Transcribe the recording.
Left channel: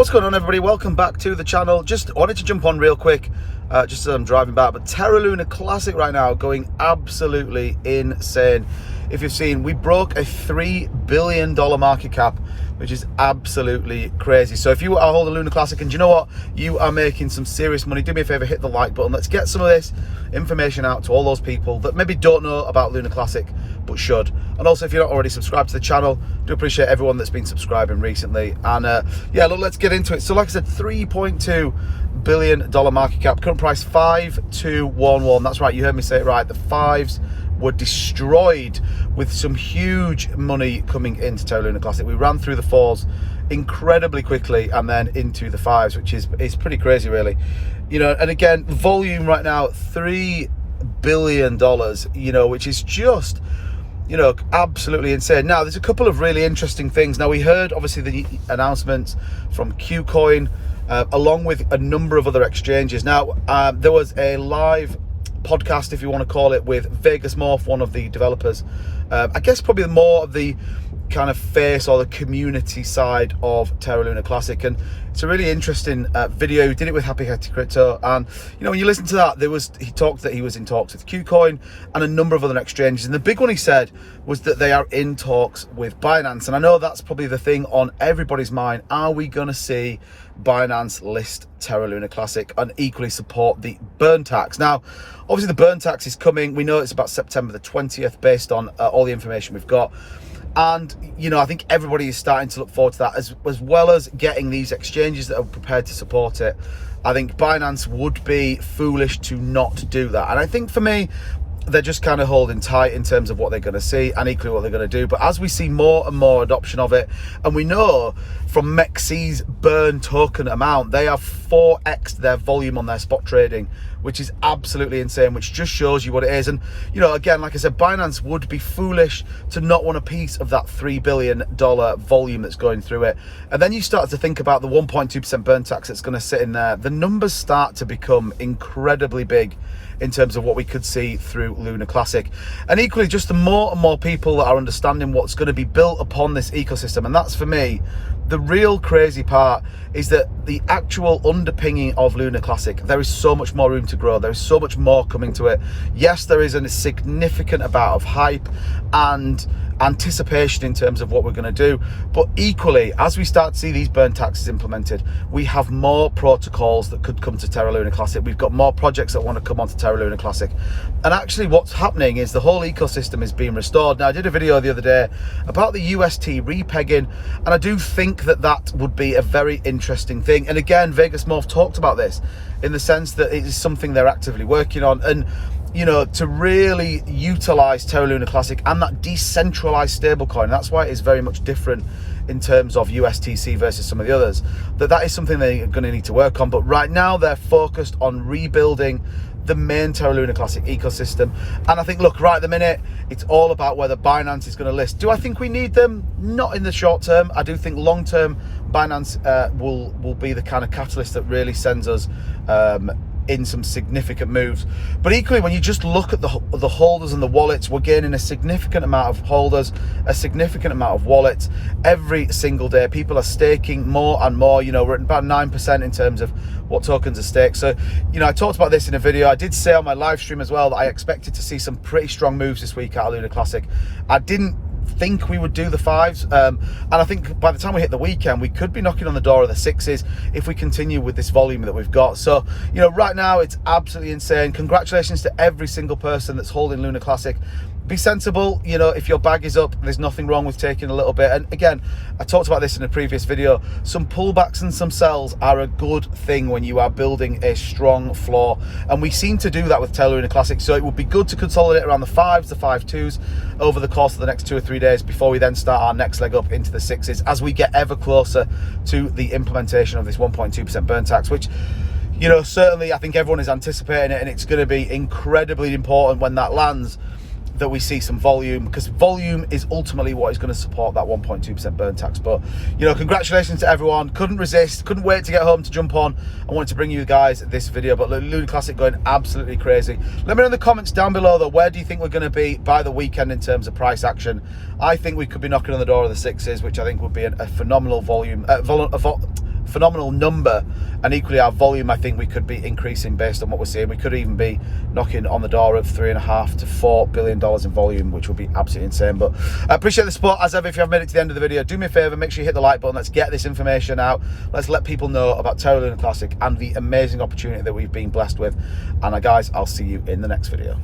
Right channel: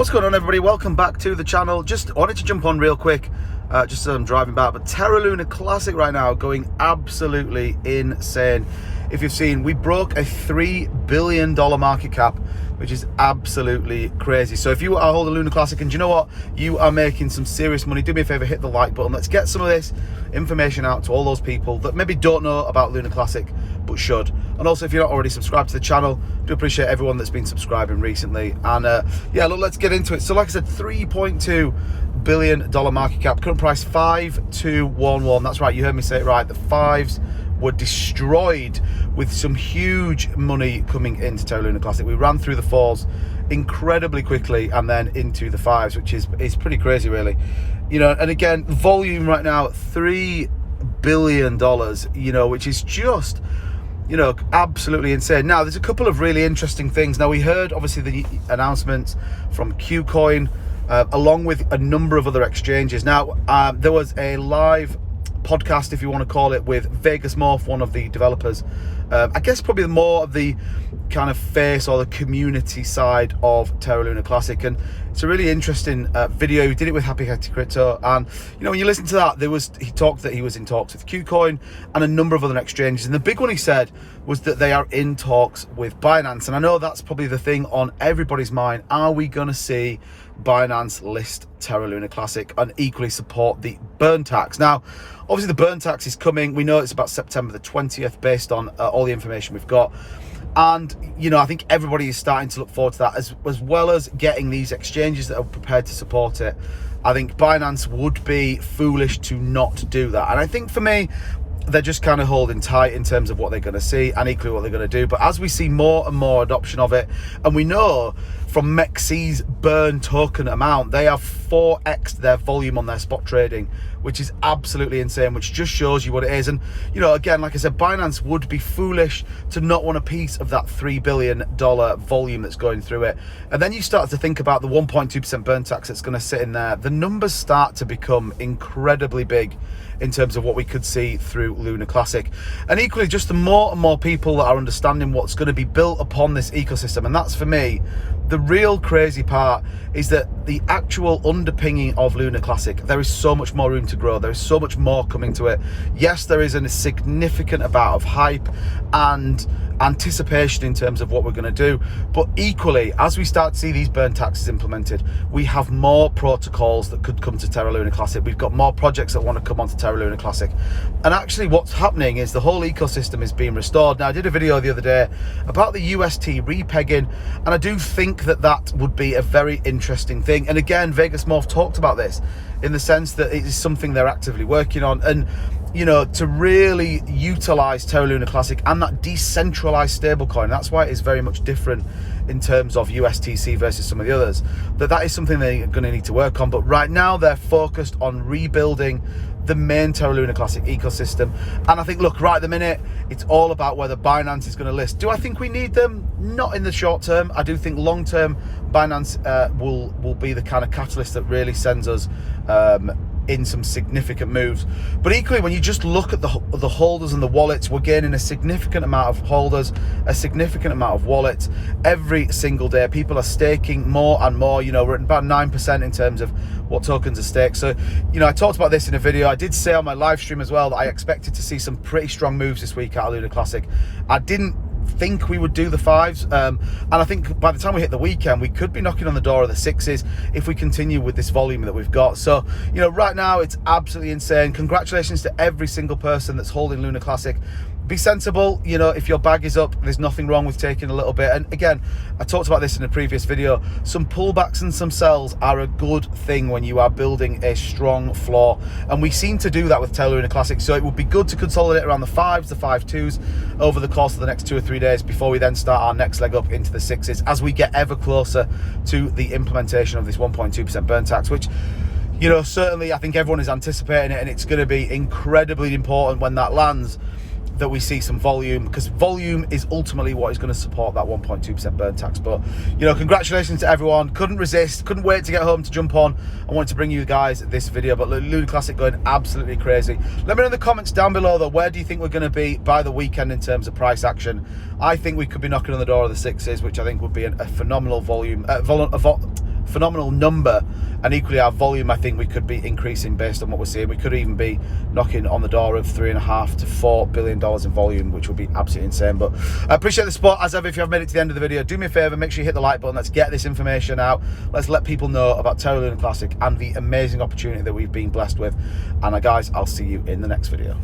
What's going on, everybody? Welcome back to the channel. Just wanted to jump on real quick, just as I'm driving back, but Terra Luna Classic right now going absolutely insane. If you've seen, we broke a $3 billion market cap, which is absolutely crazy. So if you are holding Luna Classic, and you know what, you are making some serious money, do me a favor, hit the like button. Let's get some of this information out to all those people that maybe don't know about Luna Classic but should. And also, if you're not already subscribed to the channel, do appreciate everyone that's been subscribing recently. And yeah, look, let's get into it. So like I said, $3.2 billion market cap, current price 5211. That's right, you heard me say it right. The fives were destroyed with some huge money coming into Terra Luna Classic. We ran through the fours incredibly quickly and then into the fives, which is pretty crazy, really. You know, and again, volume right now, $3 billion, you know, which is just, you know, absolutely insane. Now, there's a couple of really interesting things. Now, we heard, obviously, the announcements from KuCoin, along with a number of other exchanges. Now, there was a live podcast, if you want to call it, with Vegas Morph, one of the developers. I guess probably more of the kind of face or the community side of Terra Luna Classic, and it's a really interesting video. He did it with Happy Hetty Crypto, and you know, when you listen to that, he talked that he was in talks with KuCoin and a number of other exchanges, and the big one he said was that they are in talks with Binance. And I know that's probably the thing on everybody's mind. Are we going to see Binance list Terra Luna Classic and equally support the burn tax? Now, obviously the burn tax is coming. We know it's about September the 20th based on all the information we've got. And, you know, I think everybody is starting to look forward to that, as well as getting these exchanges that are prepared to support it. I think Binance would be foolish to not do that. And I think for me, they're just kind of holding tight in terms of what they're going to see and equally what they're going to do. But as we see more and more adoption of it, and we know from MEXC's burn token amount, they have 4x their volume on their spot trading, which is absolutely insane, which just shows you what it is. And, you know, again, like I said, Binance would be foolish to not want a piece of that $3 billion volume that's going through it. And then you start to think about the 1.2% burn tax that's going to sit in there. The numbers start to become incredibly big in terms of what we could see through Luna Classic. And equally, just the more and more people that are understanding what's going to be built upon this ecosystem. And that's, for me, the real crazy part, is that the actual underpinning of Luna Classic, there is so much more room to grow. There is so much more coming to it. Yes, there is a significant amount of hype and anticipation in terms of what we're going to do, but equally, as we start to see these burn taxes implemented, we have more protocols that could come to Terra Luna Classic. We've got more projects that want to come onto Terra Luna Classic, and actually what's happening is the whole ecosystem is being restored. Now, I did a video the other day about the UST repegging, and I do think that that would be a very interesting thing. And again, Vegas Morph talked about this in the sense that it is something they're actively working on. And you know, to really utilize Terra Luna Classic and that decentralized stablecoin, that's why it is very much different in terms of USTC versus some of the others, that is something they're going to need to work on. But right now they're focused on rebuilding the main Terra Luna Classic ecosystem. And I think, look, right at the minute, it's all about whether Binance is going to list. Do I think we need them? Not in the short term. I do think long term Binance will be the kind of catalyst that really sends us in some significant moves. But equally, when you just look at the holders and the wallets, we're gaining a significant amount of holders, a significant amount of wallets every single day. People are staking more and more. You know, we're at about 9% in terms of what tokens are staked. So, you know, I talked about this in a video. I did say on my live stream as well that I expected to see some pretty strong moves this week out of Luna Classic. I didn't think we would do the fives, and I think by the time we hit the weekend, we could be knocking on the door of the sixes if we continue with this volume that we've got. So, you know, right now it's absolutely insane. Congratulations to every single person that's holding Luna Classic. Be sensible. You know, if your bag is up, there's nothing wrong with taking a little bit. And again, I talked about this in a previous video, some pullbacks and some sells are a good thing when you are building a strong floor, and we seem to do that with Terra Luna Classic. So it would be good to consolidate around the fives, the 5.2s over the course of the next 2 or 3 days before we then start our next leg up into the sixes as we get ever closer to the implementation of this 1.2% burn tax, which, you know, certainly I think everyone is anticipating it, and it's going to be incredibly important when that lands that we see some volume, because volume is ultimately what is going to support that 1.2% burn tax. But, you know, congratulations to everyone. Couldn't resist, couldn't wait to get home to jump on. I wanted to bring you guys this video, but Luna Classic going absolutely crazy. Let me know in the comments down below, though, where do you think we're going to be by the weekend in terms of price action? I think we could be knocking on the door of the sixes, which I think would be a phenomenal volume, phenomenal number, and equally our volume I think we could be increasing based on what we're seeing. We could even be knocking on the door of $3.5 to $4 billion in volume, which would be absolutely insane. But I appreciate the support as ever. If you have made it to the end of the video, do me a favor, make sure you hit the like button. Let's get this information out. Let's let people know about Terra Luna Classic and the amazing opportunity that we've been blessed with. And guys, I'll see you in the next video.